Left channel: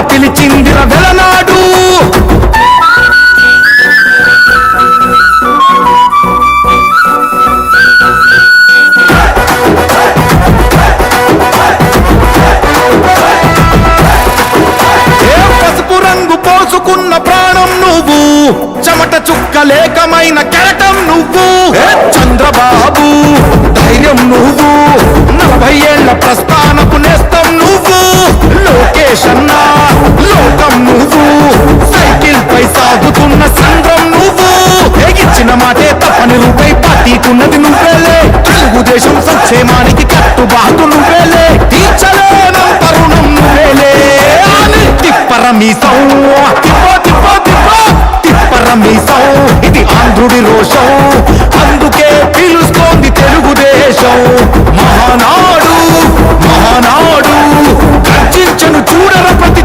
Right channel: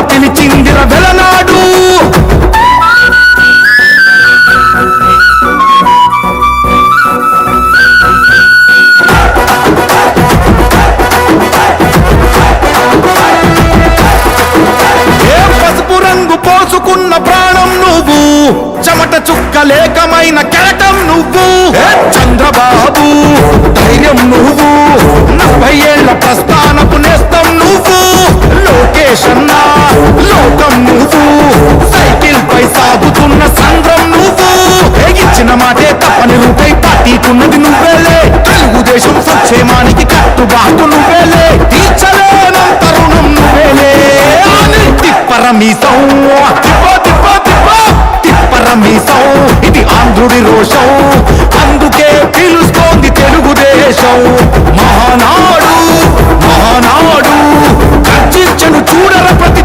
పిలిచిందిర వెలనాడు. ఏ పసుపు రంగు పోసుకున్న ప్రాణం నువ్వు? చెమట చుక్క లేకమైన కెరటం నువ్వు? ఏ చంద్రబాబు ధైర్యం నువ్వు? నలభై ఏళ్ళ ప్రస్థానపు నేస్తం నువ్వు? లోకేష్ అన్నా లోకం నువ్వు. సైకిల్ పై సాగుతున్న సంద్రం నువ్వు. ఏ ఇచ్చిన మాటే తప్పని రూపై పార్టీకున్నది నువ్వేలే. తెలుగుదేశం సంక్షేమానికి కట్టుబాటు నువ్వేలే. తీర్చలేనంత రుణం నువ్వేలే. అని తిప్పరమీసం తిప్ప తిప్ప తిప్ప. తిప్పరమీసం ఇది ఆంధ్రుడి రోషం. అందుకే పిలుస్తోంది తెలుగుదేశం. మహానాడు మహానాడు. గర్జించను చూడర ప్రతి